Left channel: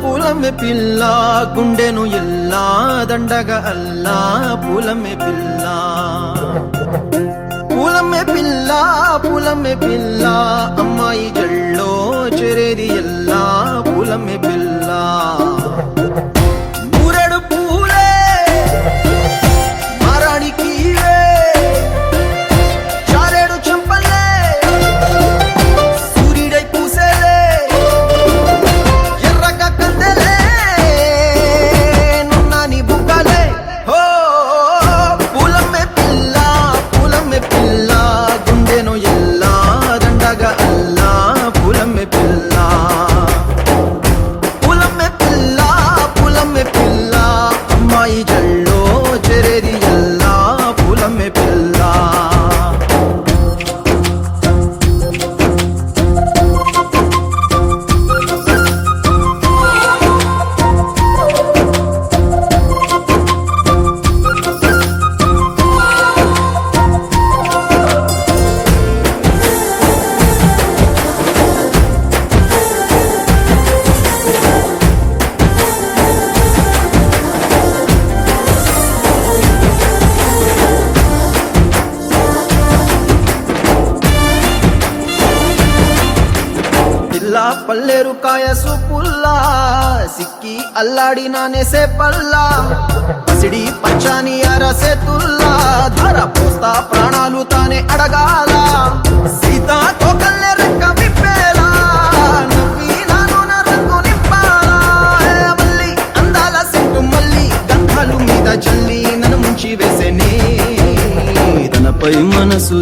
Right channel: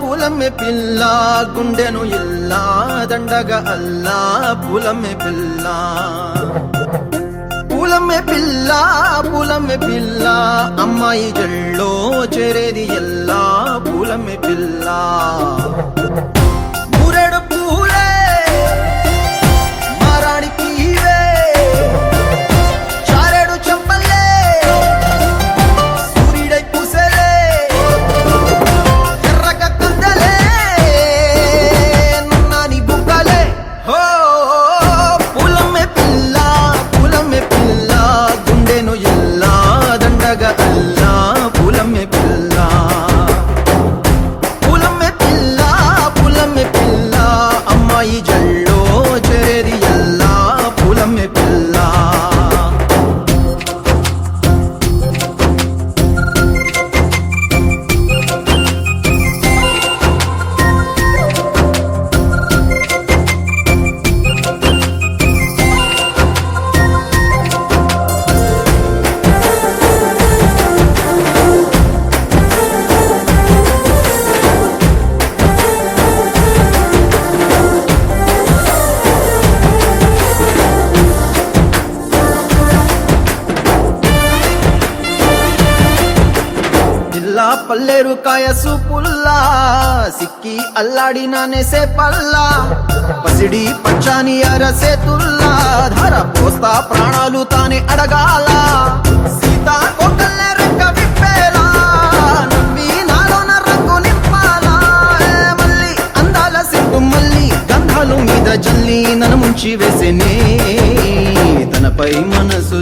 పూలమే పిల్ల గుండెను ఇల్లా దండగా అల్లా పూలమే పిల్ల పూలమే పిల్ల అమ్మాయి జల్లో చేరేది ఎల్లా పూలమే పిల్ల పూరెడు పూలే మారాడికి చారెడు చెప్పలే సూర్యుడై పూసే ఎర్రగా కందలే నున్నాని బుక్కలే హో పూలమే పిల్ల గుండెను ఎల్లా దండగా అల్లా పూలమే పిల్ల అమ్మాయి జల్లో చేరేది ఎల్లా పూలమే పిల్ల పల్లేరు కాయ సూపుల్లా సిక్కి అల్లాడి నానేసే పల్లా పసిడి పచ్చాని అరసే తుల్లా ధర పోస్తా ప్రాణాలు తానే అడగాల సీతా కోకల్లే రంగ విప్పేలా నవ్వి నాలోన రంగు నింపాలా మళ్ళీ అందాల సింటు మళ్ళీ గంధాలు మీద చల్లి నన్ను ముంచి వేసేనే తనపై మనసు